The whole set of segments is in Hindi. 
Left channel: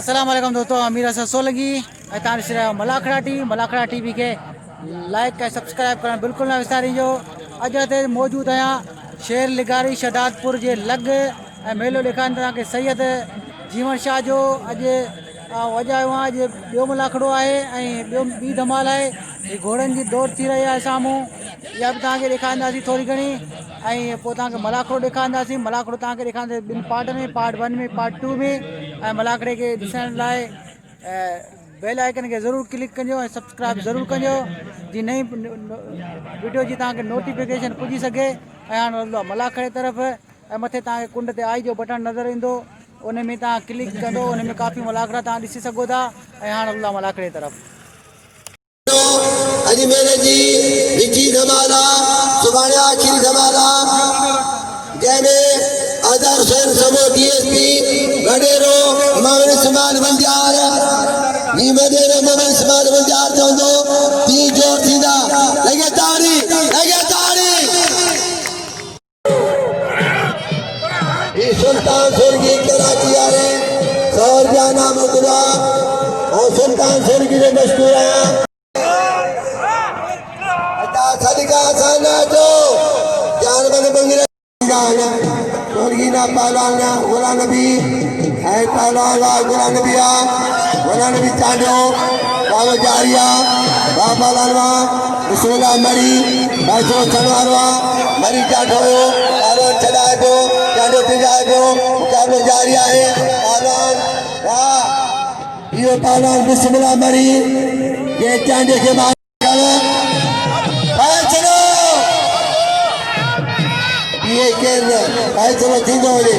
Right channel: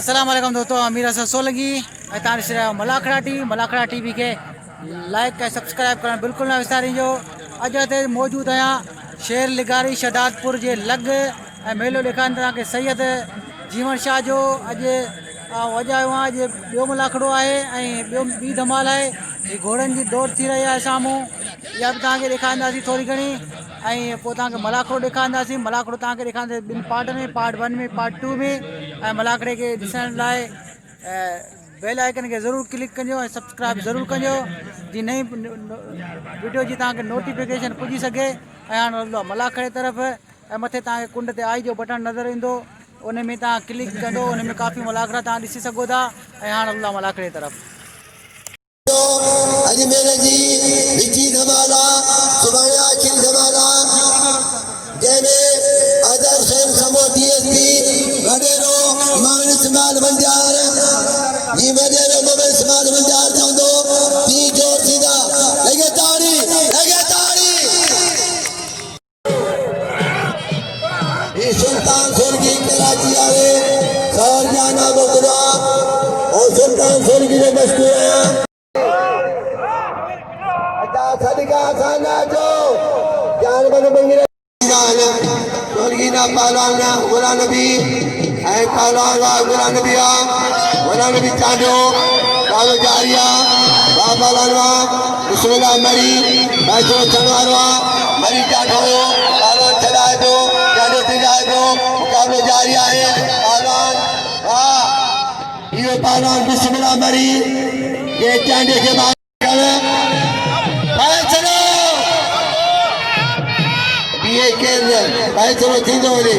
अस्सलाम वालेकुम दोस्तों, अमीर हसन सोलंकी तारीख़ मलाखड़ा टीवी के लाइक का सब्सक्राइब करना बिल्कुल ना विसारिजो। अज ते मौजूद आया शेर लिगारी शहदादपुर जे लग मेलो ॾेखारीनि तव्हांखे सैयद जीवन शाह जो अॼु वॼायो आहे। अॼु ॿियो मलाखड़ो आहे ऐं ॿी धमाल आहे। ही घोड़नि जी दौड़ थी रही आहे साम्हूं, इहा बि तव्हांखे ॾेखारींदासीं थोरी घणी। ऐं पोइ तव्हांखे मलाखड़ो ॾेखारींदासीं। मलाखड़ो तव्हांखे ॾेखारींदासीं ॿिनि पार्टनि में, पार्ट 1 में, पार्ट 2 में। ऐं मलाखड़े खे ॾिसण लाइ बेल आइकन के ज़रूर क्लिक कजो ऐं सब्सक्राइब ज़रूर कजो जी नई वीडियो जी तव्हांखे नोटिफिकेशन पुॼी सघे। ऐं हाणे हलंदो मलाखड़े तरफ़ ऐं मथे तव्हांखे कुंड ते आई जो बटन नज़र ईंदो, उन में तव्हां क्लिक कंदो, उन में काफ़ी मलाखड़ा तव्हां ॾिसी सघो था। ऐं हाणे हलंदो मलाखड़े तरफ़। अजमेर जी विची धमाला सुभाणे आखिरी धमाला जंहिंमें आदर हुसैन समो डीएसपी वडेरो इमाम इस्माइल बंजार ही वडेरो इमाम इस्माइल बंजार चवंदो ती जोर थींदा लगे ताड़ी ही सुल्तान सुर्गी कराची वाले सौर जाना मदवा और सुल्तान सुर्गी में मशहूर है सदका साना जो जान बन बंगरे जाना सुर्गीना पालाना गुला नबी है पालाना गुला नबी चांदो कालो जारिया बाबा लालवा रसूला मरी बासो चनवारवा मरी चांदो कालो चला दो चांदो तिजा दो कालो जारिया है पालान वाह ये पालान बिस्मिल्लाह मरी ये चांदे के बाद ये केंद्र भाई चलो ठीक हो गई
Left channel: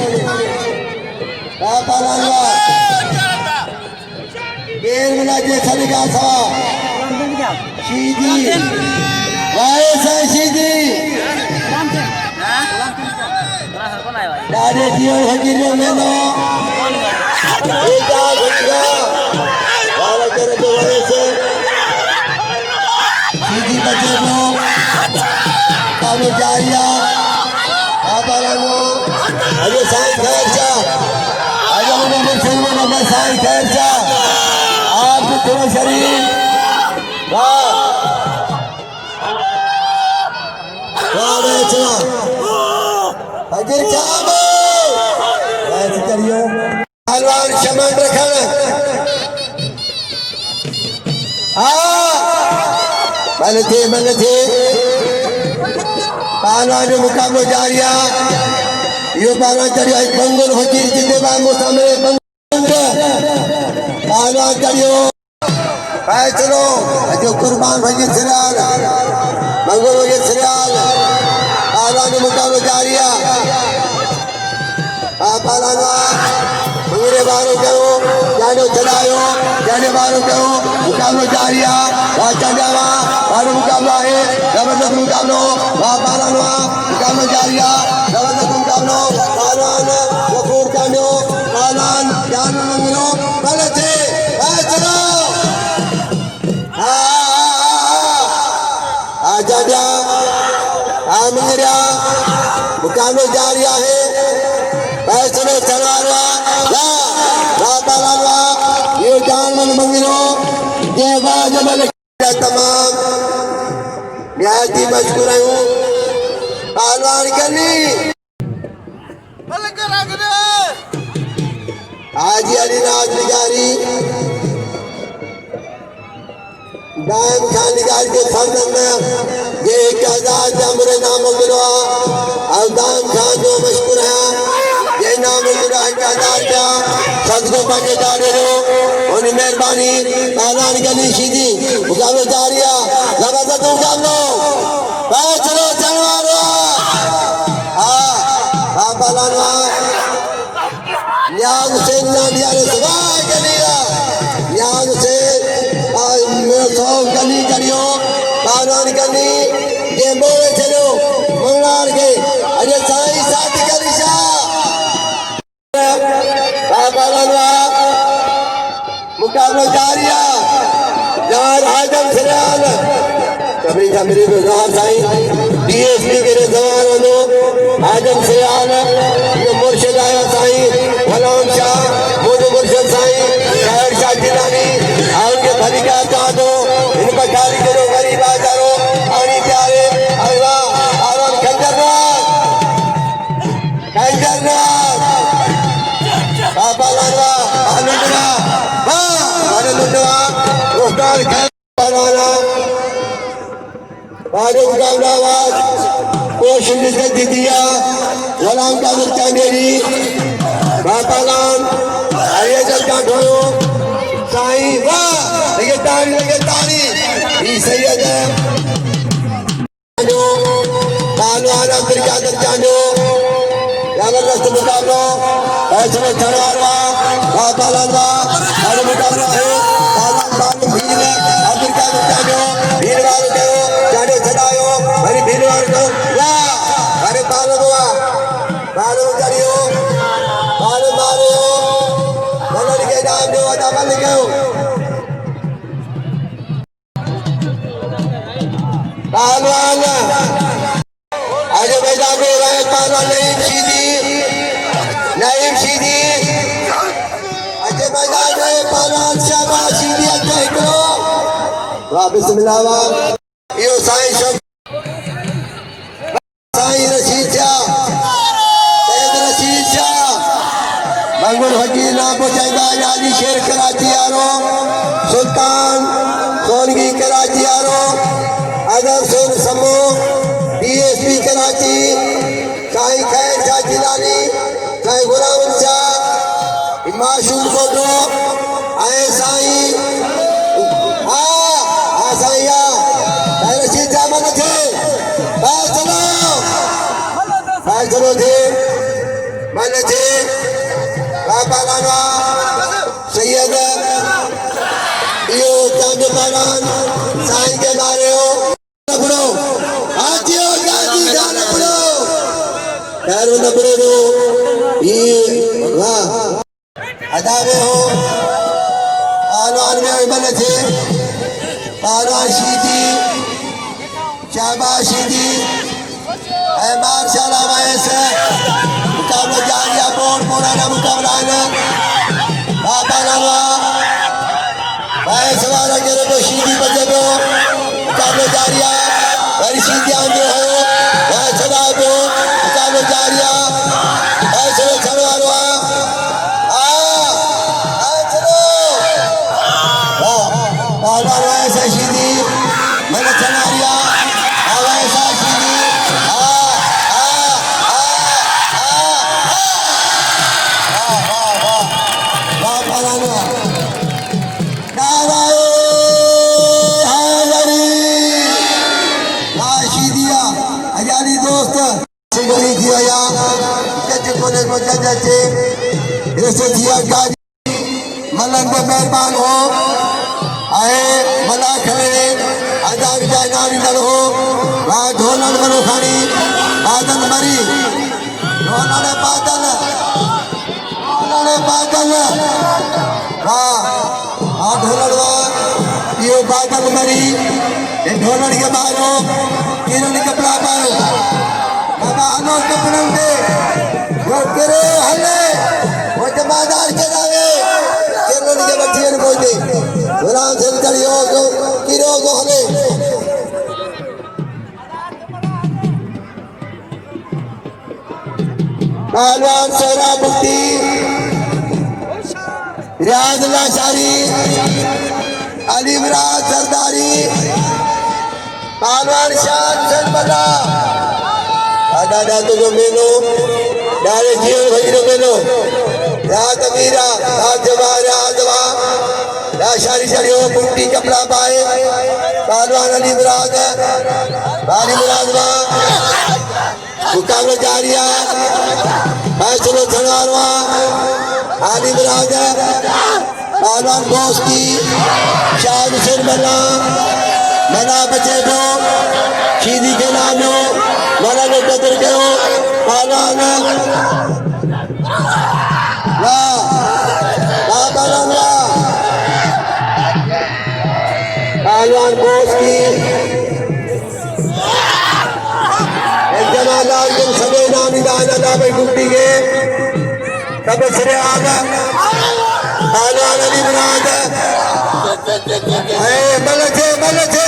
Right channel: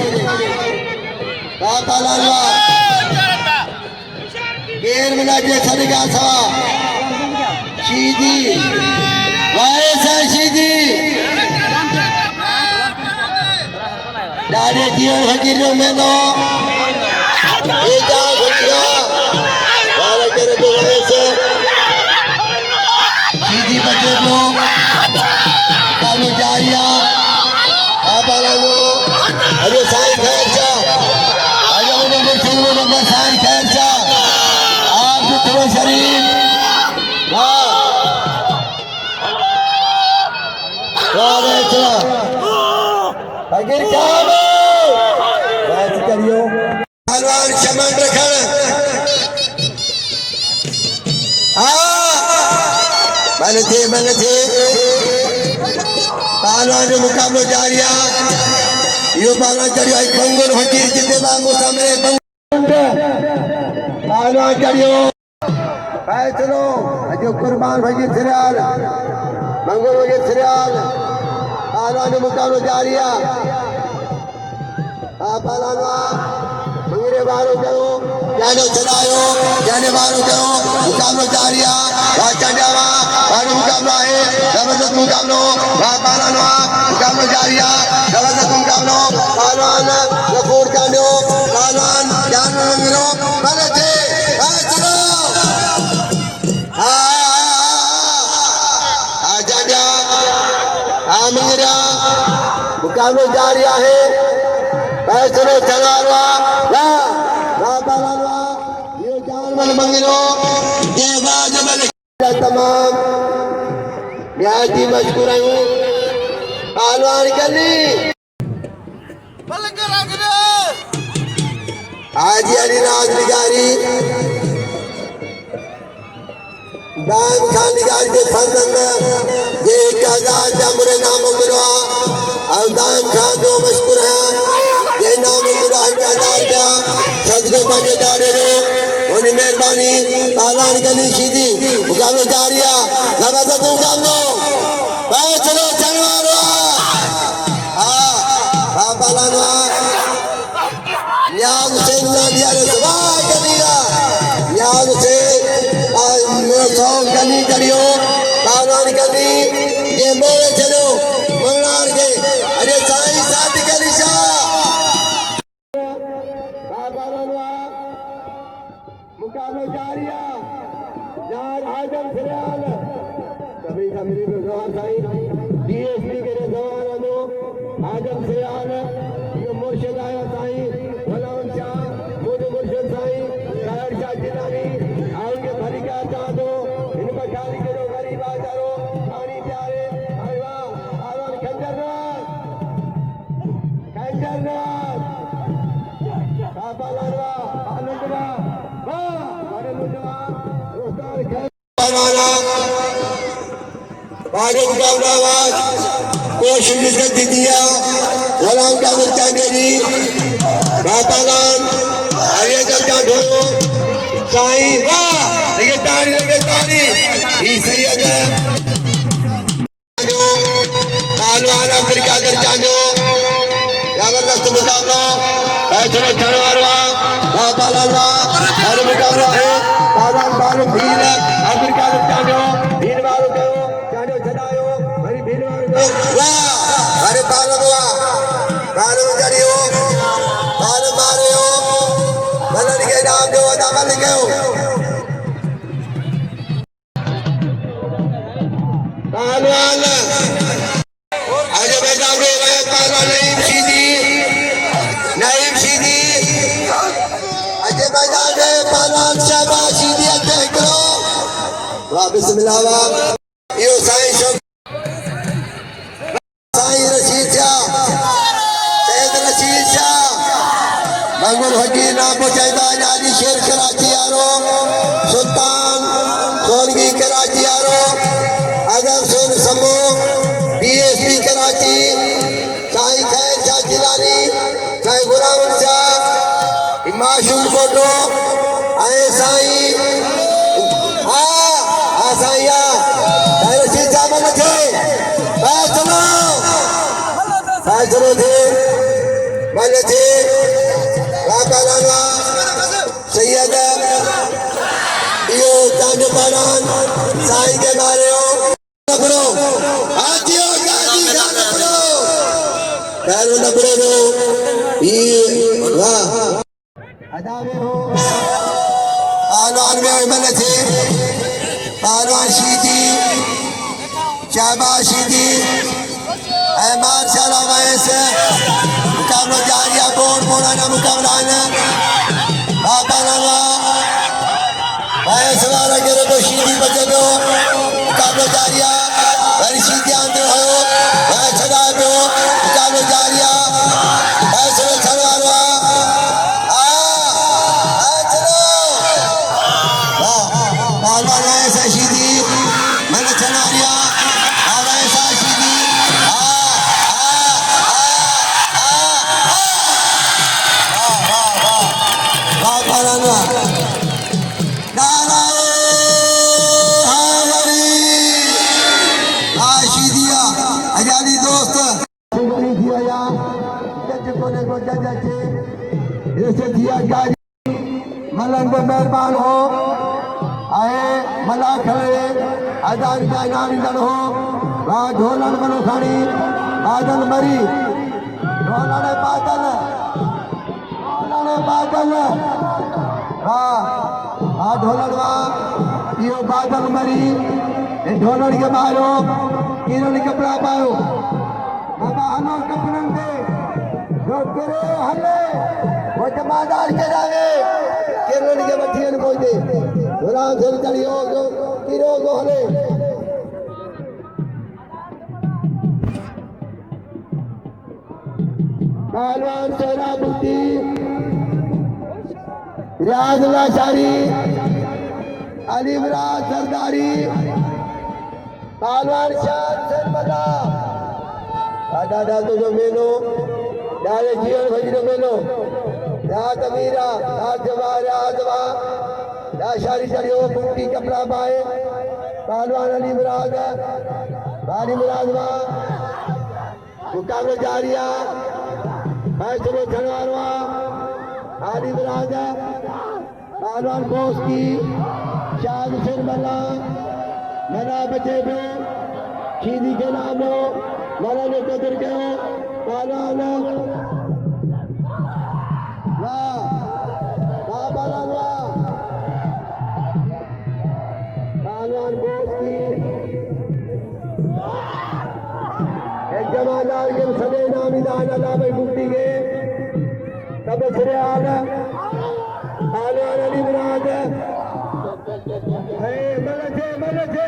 बाबा लालवा केर मिला जे सभी का सा शीदी वायसा शीदी दारे जीवन फकीर में नो एका गुटिया वाला करे बोले से शीदी बचे नो कालो जारिया अरे साईं खैर शाह आजा उन्हें मुर्शिद में लगा साईं खैर शाह आप भी थोड़ा शरीर वाह चला फकीर साहब ऐसे करियो हलवान शमन रखन मन थे पहलवान जो मुकाबला जारिया यो पहलवान करियो बंगुल फकीर जिंदे बांगो सामने पहलवान करियो चलो जो कुर्बान फकीर सिराल बंगुल फकीर सिराल पहलवान जो मुकाबला जारिया पहलवान मंगरे बारो करो जानो चलायो जाने बारो करो मुकाबला जारिया चंडावा बारो मुकाबला है जबरदस्त मुकाबला पहलवान मुकाबला जारिया जबरदस्त मुकाबला पहलवान लखोर चांडो पहलवान ज्ञान मंगलो भले थे चलो जाडिया मंगरिया मुकाबला जारिया है चलो चलवारवा पहलवान ये जान मन मंगलो ये बाज मल तमाम न्यायती मशकूर हूँ पहलवान गली हाजी अलीनाथ लिगारी दाम खान लिगारी के संदन ये 1000 जमरे नाम गिरा और दाम खान जो मशकूर है ये नाम गिरा 1000 का सदको बजे जा रहे हो उन्हें मेहरबानी पहलवान गली सीधी मुकाबला जारिया जबरदस्त मुकाबला चलो चलवारो पहलवान या हुसैन दिया रे सवाई गलिया या हुसैन गली करियो पहलवान गली ये मेरे चलो मंगलार के अरे साईं साथ गली शाह मुकाबला जारिया यार आजम सिराल कभी मेरे गुजार साईं डीएसपी के जवान लो आजम सिराल ये मुर्शिद आया साईं फलाम शाह मुर्शिद साईं बखारी करो गरीब आजारो पानी प्यारे अल्लाह आराम कंजरनाथ बाबा लाला आनंदवा आनंदवा रोस्टार पावाना भारत का आवाज कोशिश से दिया वलाम का चांदेली बाबा लाल आगे चल का ढोलो साईं वाह लगे ताली ये सही है जो पहलवान अमेरिका कर जानो जबरदस्त मुकाबला ऐसे चढ़ावा बाबा लाला हर मुकाबला है पहलवान बालू भीड़ अमेरिका कर जानो भीड़ वालों के जाने चढ़ायो हरी भीड़ वालों वाह अरे बालू चढ़ियो बालू मारियो बदल के नाम दो दामन लिखो पहलवान आज मैदान में रहे पहलवान नईम सीधी आज मैदान में पहलवान शाबाश सीधी अजय करो वाह बिस्मिल्लाह वाह यो साईं रशीद शाह सैयद रशीद शाह मंगल फकीर नाम पहुंचाएगा आजादी शेर कराची यारो सुल्तान सोनगी कराची यारो आजम सोन समो डीएसपी कराची साईं खैर शाह जिलानी साईं गुलाम शाह माशूम कोटो आए साईं साईं रशीद शाह मन थे चलो थे मन थे बाबा सैयद यो चांद पारान साईं के मारे हो नबरो आजी हो जाती नबरो पैरों नबरे दो ये वाह अदा में हो पहलवान में मन थे पहलवान शीदी शाबाश शीदी माशाल्लाह वैसे मुकाबला जारिया बोर्ड पुराना मुकाबला है बाबा लाला वैसे वाला मेरे को सीधी बचे दो मुकाबला जारिया मेरी सीधी आंदे हो वैसे ना दो मुकाबला जारिया वैसे में चलवारवा चलो बाबा वैसे सीधी मैंने चला दिया वैसा सीधी मलंग मेहरबान हो आए मला खड़े आजाद नाम हो ढोलन बनो खानी बादल मरी ढोलन बादल ढोलन यो बादल मरी ढोलन के मारो किरण कपड़ा पारो बाबा हनो कपड़न दे जो करे हले वो जमादार के दावे किरण के बच्चियन को दे गुलाम से चलियो जो किरो को हले पहलवान सोना बुट्टी रियाज लाशारी अली मिराज सरदारी पहलवान शान सरबला दादा तो जो मेलो डाले जीवन भजनो मेलो रात मीरा रात जवा लाशारी चढ़ियो बुट्टी कपड़ा पाए पहलवान अली मिराज मुकाबला जारिया फैसलो छड़वारवा आली मिराज पहलवान दोस्ती शाह हुसैन मना बचे दो सीधी के नामो मना ने कदर करो पहलवान पहलवान दोस्ती सभी नाम दादा भाई गुट्टी के तब श्री आगा पहलवान अली मुराद बल थे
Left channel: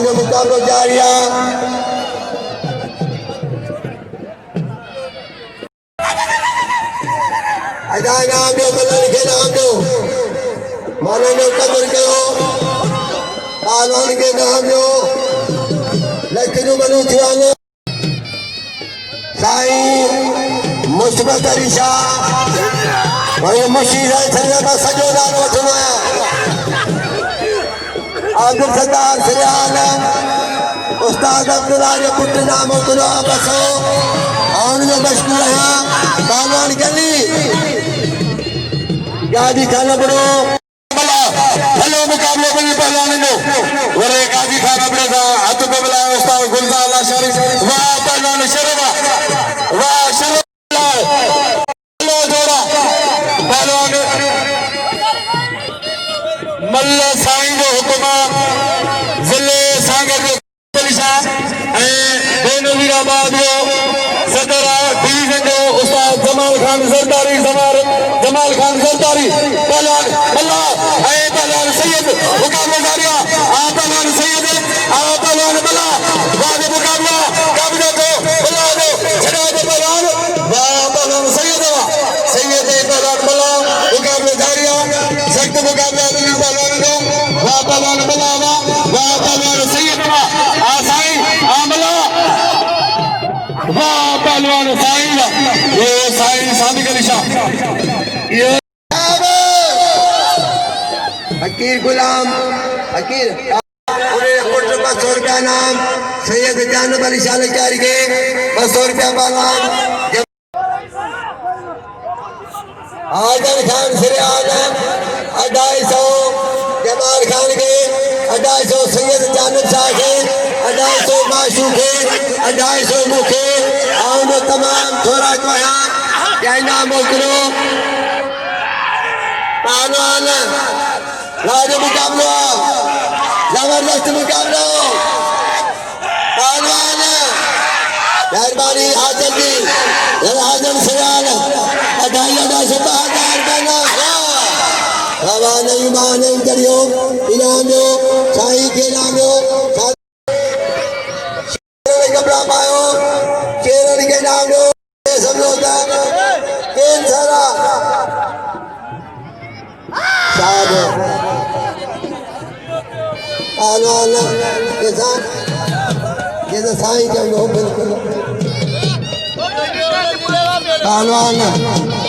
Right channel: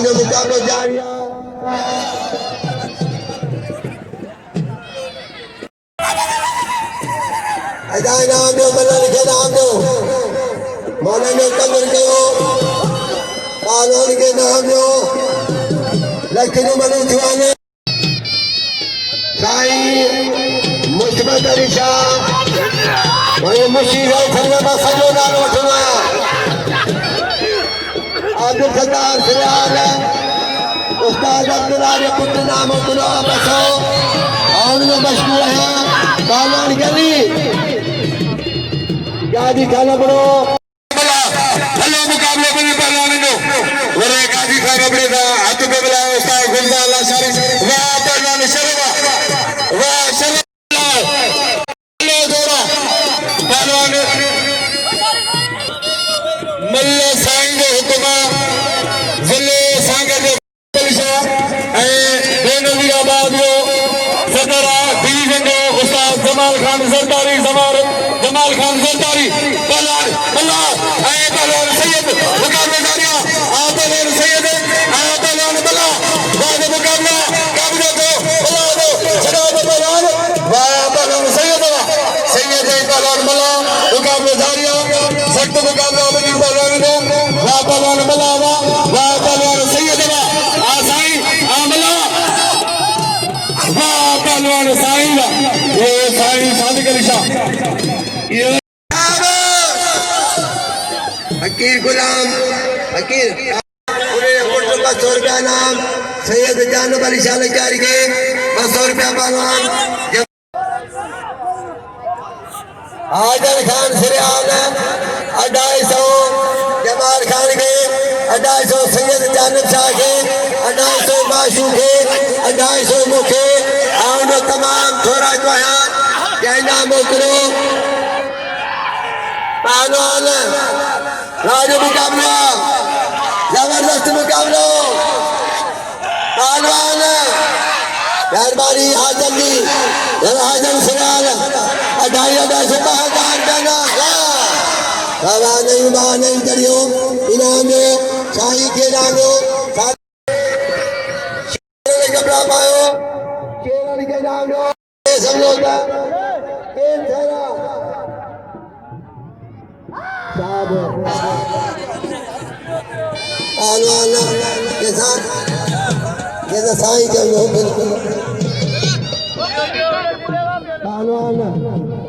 पहलवान जो मुकाबलो जारी आहे अदा नाम जो मल्हनि खे नाम जो मौलाना जो कदर कयो पहलवान के नाम जो लखनऊ मनु जुआने साईं मुस्तफा अली शाह और मुशीर संगे में सजो नाम सुना अब्दुल सत्तार सिराज उस्ताद अब्दुल्ला ने पुत्र नाम तुला बसो और ये मशहूर है पहलवान गली गाजी खाना पड़ो हेलो मुकाबले में पहलवान नो और गाजी खाना पड़ेगा हाथ पे बुलाया उस्ताद गुलजार लाशारी वाह पहलवान शर्मा वाह शर्मा हेलो जोड़ा पहलवान मल्ल साईं जो हुक्म जिले सागर जो कलिशा बेनवीराबाद जो सदर डिवीजन जो उस्ताद जमाल खान सरदारी जमाल खान सरदारी पहलवान अल्लाह आए पहलवान सैयद मुकाबला जारिया आ पहलवान सैयद आ पहलवान बल्ला बाद मुकाबला कब्जे को बुला दो छड़ा दो पहलवान वाह पहलवान सैयद पहलवान बल्ला मुकाबला जारिया सख्त मुकाबला मिली पहलवान को वाह पहलवान बल्ला वाह पहलवान सैयद आ साईं आ बल्ला वाह पहलवान साईं ये साईं सादिक अली शाह ये हकीर गुलाम हकीर पूरे पुत्र 200 रुपया नाम सैयद जानब अली शाह लचारी के 200 रुपया पहलवान आजम खान सिराज 250 जमाल खान के 250 सैयद जानब शाह के 250 बाशू के 250 मुखे और तमाम थोड़ा जो है क्या नाम मोकरो पहलवान राजू मुकाबला जबरदस्त मुकाबला पहलवान मेहरबानी हाजन जी हाजन सिराल 250 का नाम नहीं करियो इनाम जो साई के नाम जो कपड़ा पायो केरल के नाम जो समझौता केन सारा साहब पहलवान के साथ ये तो साई के लोग बिल्कुल पहलवान